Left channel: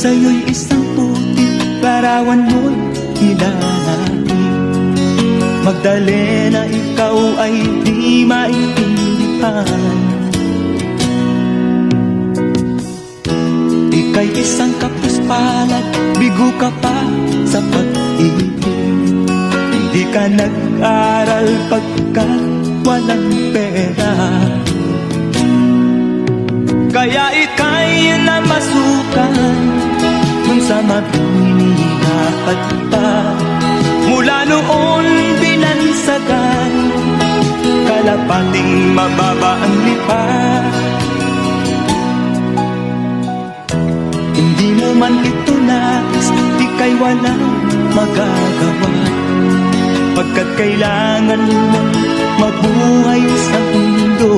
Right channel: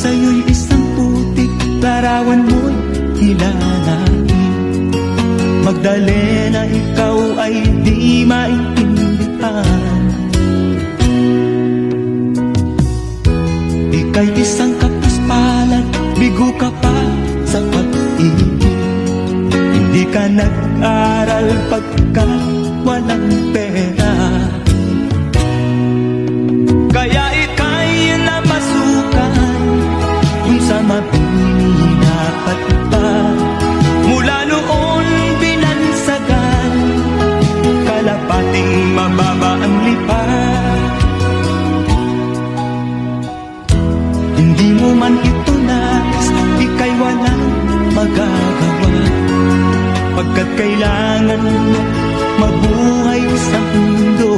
sa'yo'y isang putik, larawan mo'y kilalain. Magdalena, ikaw ay di maintindihan. Ika'y isang kapuspalad, bigo ka pa sa pag-ibig. Hindi ka nag-aral pagkat walang pera, kaya ika'y namasukan kung sa mapininapat pa. Mula noon binansagan, kalapating mababa ang lipat. Hindi mo man ito nais, di kay walang magagawa, pagkat kailangan mo mabuhay sa mundo.